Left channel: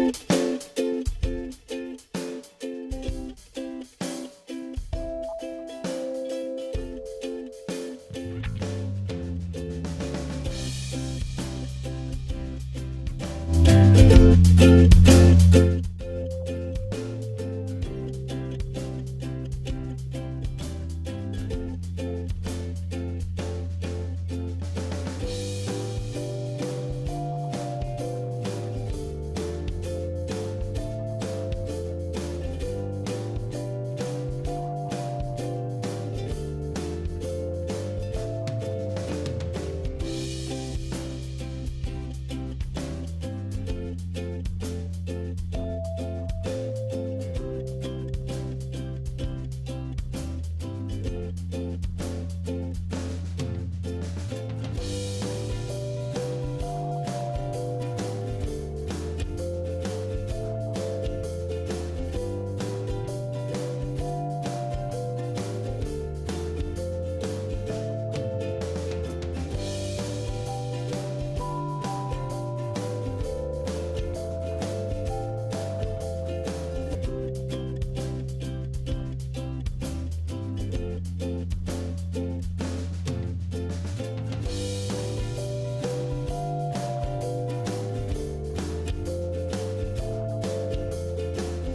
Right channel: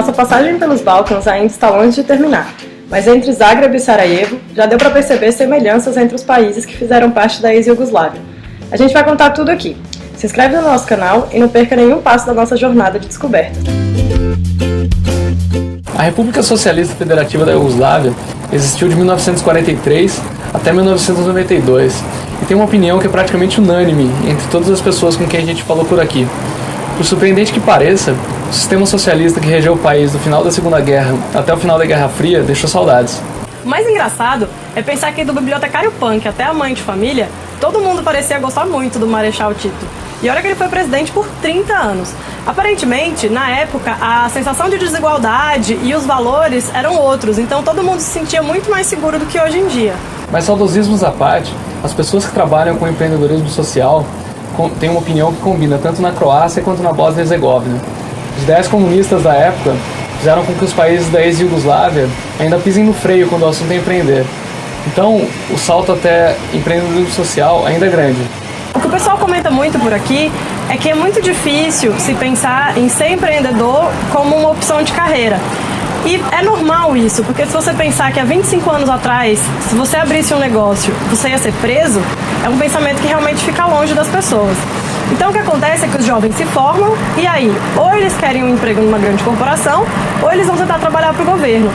Nossa passagem pelos Balcãs ainda está longe de terminar, mas entre Zagreb e Sarajevo já deu para perceber semelhanças entre os países que fizeram parte da ex-Iugoslávia. A gente vai contar tudo aqui. Se inscreve no nosso canal e não perca nenhum passo da nossa jornada de descoberta. A República Socialista Federativa da Iugoslávia existiu de 1943 até 1992 e tem uma opinião que é praticamente unânime entre todas as pessoas com quem a gente falou por aqui. Por surpreendente que pareça, o sistema socialista que regeu o país do final da Segunda Guerra até o final da Guerra Fria deixou saudades. O mais engraçado é pensar que do bibliotecário punk até a mãe de família, todo mundo parecia gostar muito do Marechal Tito. E olha que ele foi presidente por 30 anos. Aparentemente, na época, a sensação de desigualdade e os valores eram outros, então todo mundo se sentia muito mais seguro do que hoje em dia. Mas saudosismos à parte, as pessoas que trabalham com empreendedorismo social têm uma opinião que combina tanto na Croácia quanto na Bósnia e Herzegovina. As ideias comunistas da época fizeram com que os países da ex-Iugoslávia ainda pisem no freio quando o assunto é empreender. Então, o salto até empreendedorismo social ainda é grande. O que o pessoal comenta muito por aqui é que é muito difícil se pensar em ser empreendedor como uma opção de carreira. E é normal isso, porque se você pensar que há 25 anos atrás, se você abrisse um negócio, você ia ser preso, é um pensamento que realmente fica longe das pessoas. Então o que acontece é que os jovens se formam e aí, ou eles querem um emprego numa grande corporação, ou eles vão tentar trabalhar para o governo.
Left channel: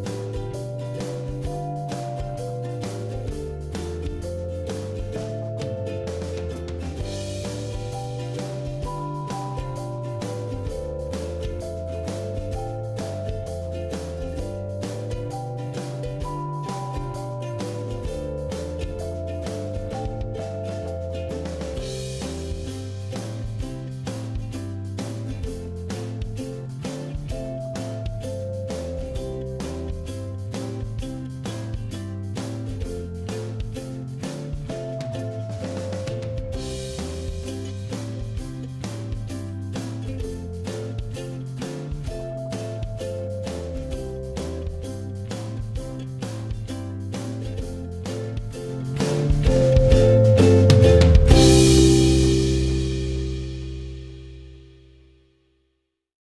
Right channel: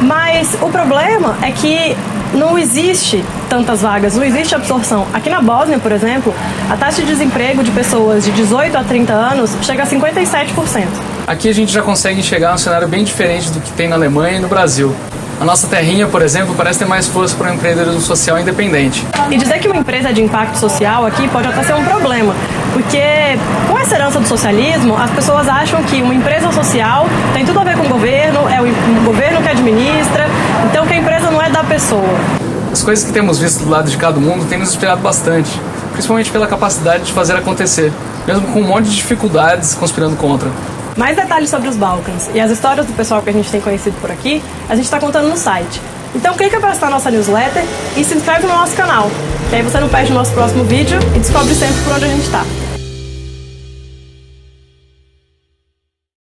Mas o problema é que não existe tantas vagas, não existe absorção. Aqui na Bósnia, por exemplo, a taxa de desemprego de pessoas de 18 a 30 anos chega a 57%. Aqui a gente já consegue enxergar um cenário bem diferente do que tem na Alemanha e no Brasil. A nossa terrinha, por exemplo, parece ter mais força para um empreendedorismo social independente. E dizer que uma empresa é de impacto social aqui pode até ser um problema, porque com essa herança do socialismo, as pessoas acham que uma empresa social tem tudo a ver com o governo, é o governo que administra, então que a empresa não é da pessoa. As coisas que temos visto do lado de cada mundo têm nos inspirado bastante, principalmente pela capacidade de fazer acontecer, mesmo com um monte de dificuldades conspirando contra. Mais detalhes sobre os Balcãs e as histórias do pessoal que a gente tem conhecido por aqui, a gente está contando no site. Então clica para assinar nossa newsletter e se inscreve no nosso canal. E aí você não perde o nosso próximo vídeo e descobre sempre por onde a gente está.